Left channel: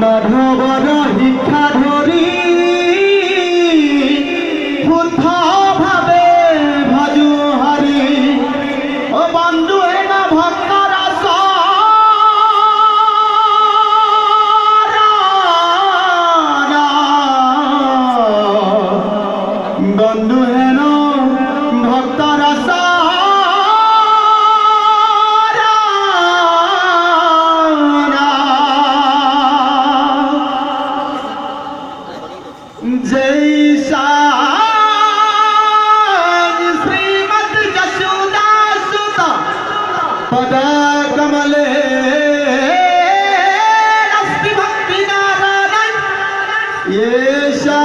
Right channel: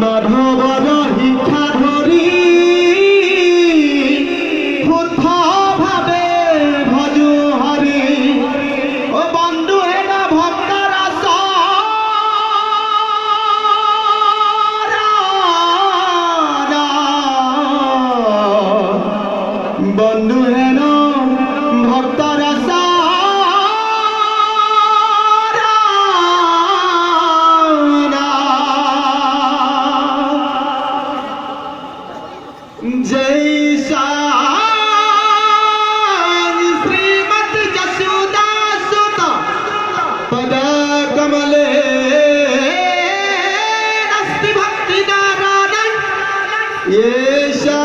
মাধৱৰ শিক্ষা ধৰি শুদ্ধ ভাৱে ভজো হৰি অ বন্ধু হেন ভক্তৰ বন্ধু হেন ভক্তৰ जैसा श्रीमद जसोदा सुता पद कमले अस्ति भक्ति नारायण येषा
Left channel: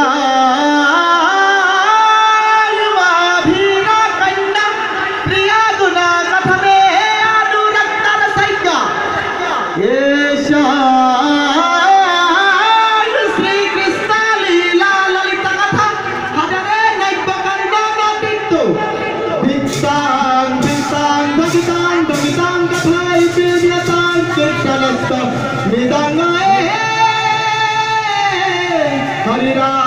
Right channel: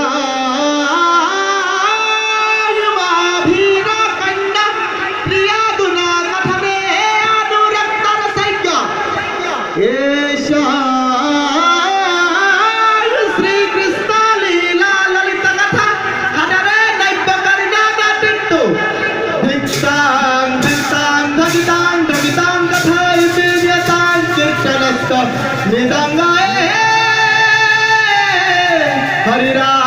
कन्या प्रिया गुणा कथमे अनुरक्तर सैक्य येषा हरि राम।